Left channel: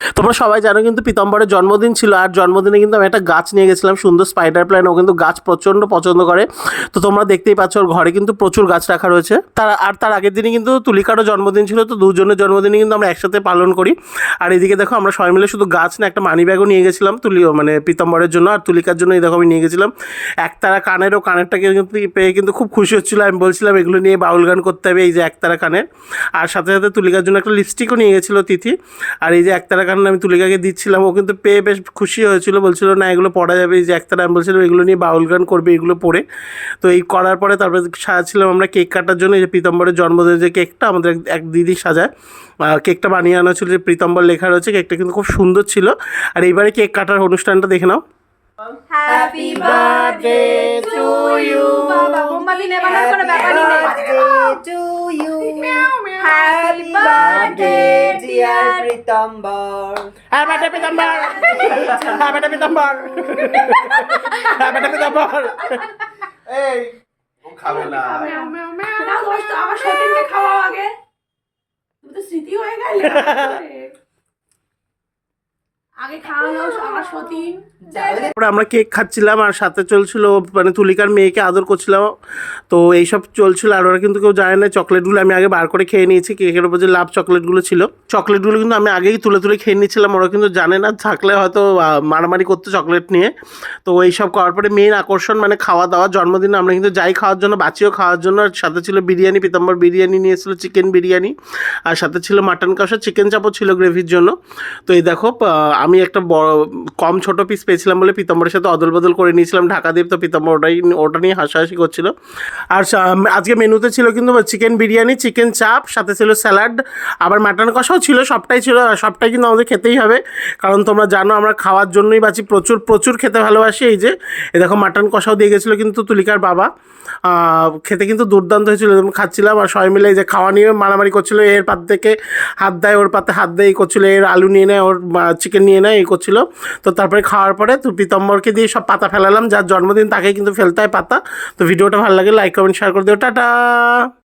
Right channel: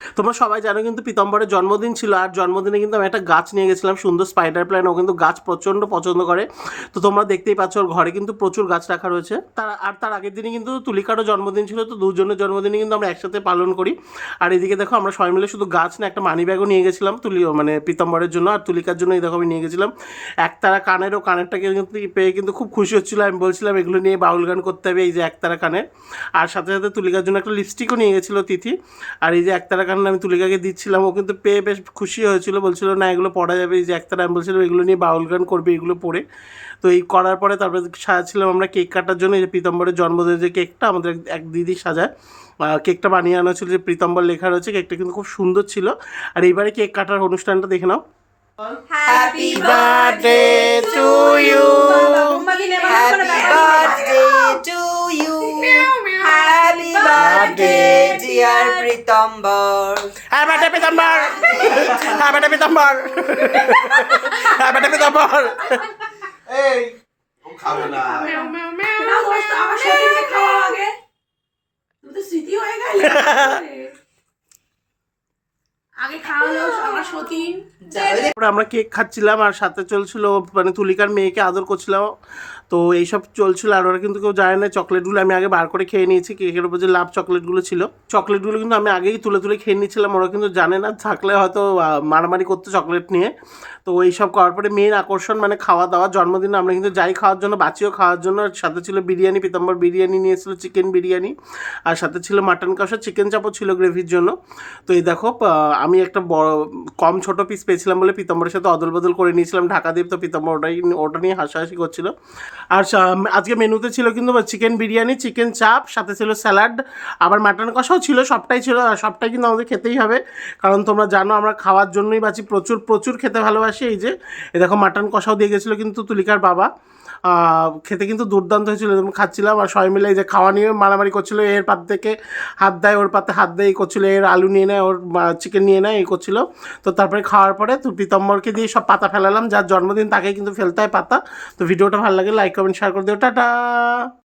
তোমরা সবাই জানো কিন্তু পিতাম্বরের জন্মদিন ছিল আর জন্মদিনে কিন্তু আমি একটা গাছ নিয়ে গেছিলাম, সুন্দর স্পাইডার প্ল্যান ও কিন্তু গাছ প্রচণ্ড পছন্দ করে। তো তোমরা দেখতেই পাচ্ছ ওর ঘরে কিন্তু প্রচুর গাছ রাখা রয়েছে। তার, আর তার আগের দিনে কিন্তু তুলিকারও জন্মদিন ছিল, তো দুজনের জন্মদিনে কিন্তু আমরা একসাথে পালন করি। আর এদিকে দেখো আমরা সবাই মিলে শুধু গাছ না, একটা মানি ব্যাগও নিয়ে গেছিলাম তুলি মানে পিতাম্বরের জন্য আর তুলিকার জন্য এই দেখো আমি নিয়ে গেছিলাম। একতারা কানেরও কানেরটাকে কিন্তু পেয়ে কিন্তু খুব খুশি হচ্ছিল। আমি বলছিলাম, এগুলো নিয়ে বাউল গান করতে হবে এই যে একতারা কানের। আর সাথে সাথে তুলিকার জন্য একটা লিপস্টিকও নিয়ে গেছিল তিথি। আর এই যে একতারা কান আমি তুলিকাকে দিচ্ছিলাম ও কিন্তু পেয়ে বেশ খুশি হয়েছিল বলছিল না এগুলো পড়া যাবে এই যে একতারা আমি বলছিলাম এগুলো নিয়ে বাউল গান করবে এগুলো পড়ে। তো এই করার পরে তারপরে সাজাচ্ছিলাম আমরা কেক কাটার জন্য এই যে প্রীতম্বরের জন্মদিনের যে কেকটা আমাদের এক- দিদি সাজায় কেকটা বানিয়ে আনা ছিল যে প্রীতম্বর লেখা রয়েছে কেকটা কিন্তু খুব সুন্দর ছিল। আর এইবারে কেক কাটার অনুষ্ঠানটা দেখে নাও। Happy birthday! Pritambar. হ্যাঁ ব্যাটে পিতাম্বর হ্যাঁ ব্যাটে পিতাম্বর হ্যাঁ ব্যাটে পিতাম্বর এই ও খাবে না আমার সতীনকে খাওয়া আগে তুমি তো স্মৃতি হয়ে গেলে আগে খাওয়া আমার সতীন। তারপরে আমরা কেক খাচ্ছিলাম আর সাথে চলছিল মানে তুলিকার মেয়েকে আদর করছিলাম। তো এইসব চলছিল আর ওরা কিন্তু কেউ জানে না চকলেটগুলো আমি আগে বার করে খেয়ে নিয়েছি কেকের উপর যে লাভ চকলেটগুলো ছিল। চকলেটগুলো কিন্তু আমি আগেই তুলে তুলে খেয়ে নিচ্ছিলাম ওরা কিন্তু জানে না থাকলে হয়তো মারামারি করতো চকলেট নিয়ে। তো এইসব করার পরে মেন আকর্ষণ মানে খাওয়া দাওয়া জন্মদিনে আমরা কিন্তু যাই খাওয়ার জন্য বাঁচিও খাওয়ার জন্য। আর সাথে ছিল বিরিয়ানি পিতাম্বর বিরিয়ানি নিয়েছিল চিকেন বিরিয়ানি। আর সাথে ছিল মাটন কষা চিকেন চাপও ছিল গ্রেভির জন্য। তো এই দেখো আমি একটা বড়, কম ছোট পিস পেয়েছিলাম বলে পিতাম্বরের সাথে অদল বদল করে নিয়েছিলাম। ঢাকা দ্বীপ তো পিতাম্বর ওটাই, ওটা নিয়ে হাসাহাসি করছিল। আর আজকে মেনুতে ছিল কিন্তু চিকেন বিরিয়ানি চিকেন চাপ সাথে ছিল স্যালাড আবার মাটন কষাও ছিল, সবটাই ছিল, সবটাই কিন্তু আমাদের খেতেই হবে। কারণ তোমরা জানো আমরা খাওয়ার জন্যই বাঁচি, প্রচুর প্রচুর খেতে ভালোবাসি। এই যে, এ দেখো মাটন কষাও দিয়ে গেছিল কিন্তু তুলিকার বাবা। খেতে কিন্তু দুর্দান্ত হয়েছিল। খাচ্ছিলাম আর সবাই মিলে যে খাওয়া নিয়ে মারামারি করছিল, এর পাত থেকে হাত দেয়, ওর পাতে হাত দেয়, এই করছিল, এর আলু নিয়ে নেয়, ওর চিকেন নিয়ে নেয়, এই করছিল। তো তারপরে খাওয়ার পরে তো পিতম্বরকে দিয়ে সব পাতা ফেলালাম, যার জন্মদিন তাকে কিন্তু ফেলতে হয় পাতা। তো ভিডিওটা ভালো লাগে লাইক কমেন্ট শেয়ার করে দিও। টাটা!